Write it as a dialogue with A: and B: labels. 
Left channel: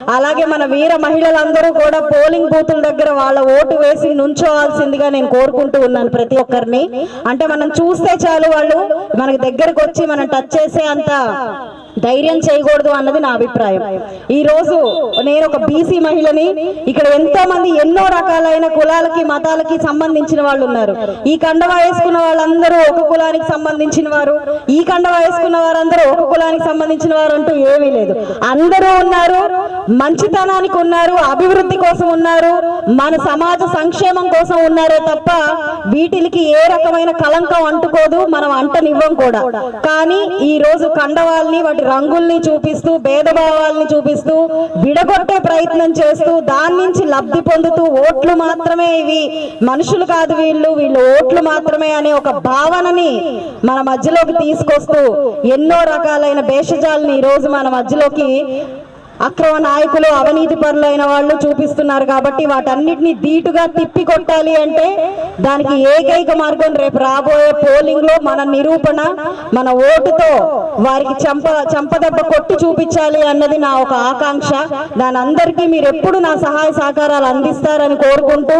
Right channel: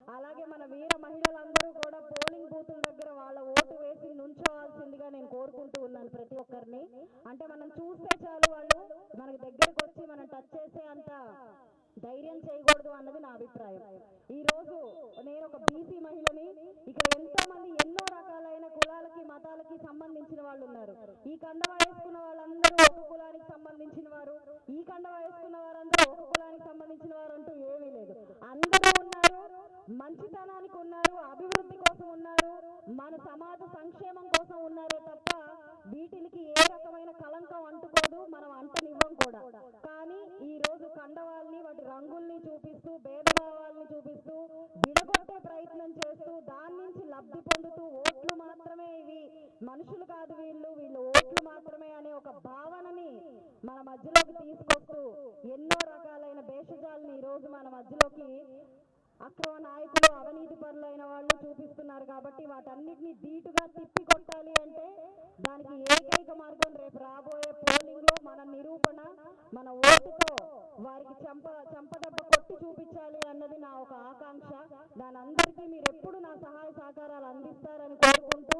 A: అలాగే మన వీర మహిళలందరూ కూడా పోలింగ్ బూతుల దగ్గర వాళ్ళ ఓటు వేసి నుంచోవాల్సిందిగా నేను కోరుకుంటూ ఉన్నాను ప్రతి ఒక్కరిని. అంటే మనం చూస్తే చాలు వాళ్ళు మనకి దగ్గరకు వచ్చి మనం టచ్ చేసే అంత ధైర్యం చేయకూడదు అన్నది నా అభిప్రాయం. ఈ రోజు నేను ఒక బీసీ మహిళని ఇక్కడ ఎంతో మంది ఎన్నో రకాలైన కులాలకి మతాలకి సంబంధించిన వాళ్ళు ఉన్నారు. ఈ కండవ వేసుకున్న వాళ్ళందరూ ఒక కులానికి సంబంధించిన వారు. ఈ కండవ వేసుకున్న వారందరూ ఒక కులానికి సంబంధించిన వారు అంటూ ఏమీ లేదు. అందరూ ఉన్నారు మంచితనానికి ఉన్నారు అభివృద్ధి కోసం ఉన్నారు మన సమాజ సంక్షేమం కోసం ఉన్నారే తప్ప వీటికి ఏ రకమైన కలంకం అంటుకోదు మనం అంటనివ్వం కూడా. కానీ ఈ రోజు కండవాల్ని వాటి రంగుల్ని చూపిస్తూ భేదభావాల్ని చూపిస్తూ విడగొట్టే ప్రయత్నం చేస్తూ దాని నుంచి లబ్ధి పొందుతూ ఓట్లు మాత్రమే ఇవి. మనుషులు కాదు వీళ్ళు వీళ్ళు ఓట్లు మాత్రమే అనే ఒక భావనని మన మధ్యలోకి తీసుకొస్తూ ఎన్నో రకాలైన భేషజాలని ఈ రోజు మన మధ్యలోకి అక్రమ నాయకులు అవినీతి పరులైన వాళ్ళు చూపిస్తున్నారు కాబట్టి వాటన్నిటిని ధీటుగా తిప్పి కొట్టాలి అంటే దానికి ఏకైక మార్గం రేపు రాబోయే పోలింగ్లో మన నిరూపణ మన ఓటుతో వారికి చంప చంపదెబ్బ కొట్టి చూపించాలి అన్నది నా ఒక ఆకాంక్ష. దాని అందరికీ మీరు ఎప్పుడు నా సహాయ సహకారాలు అందిస్తారని కోరుకుంటూ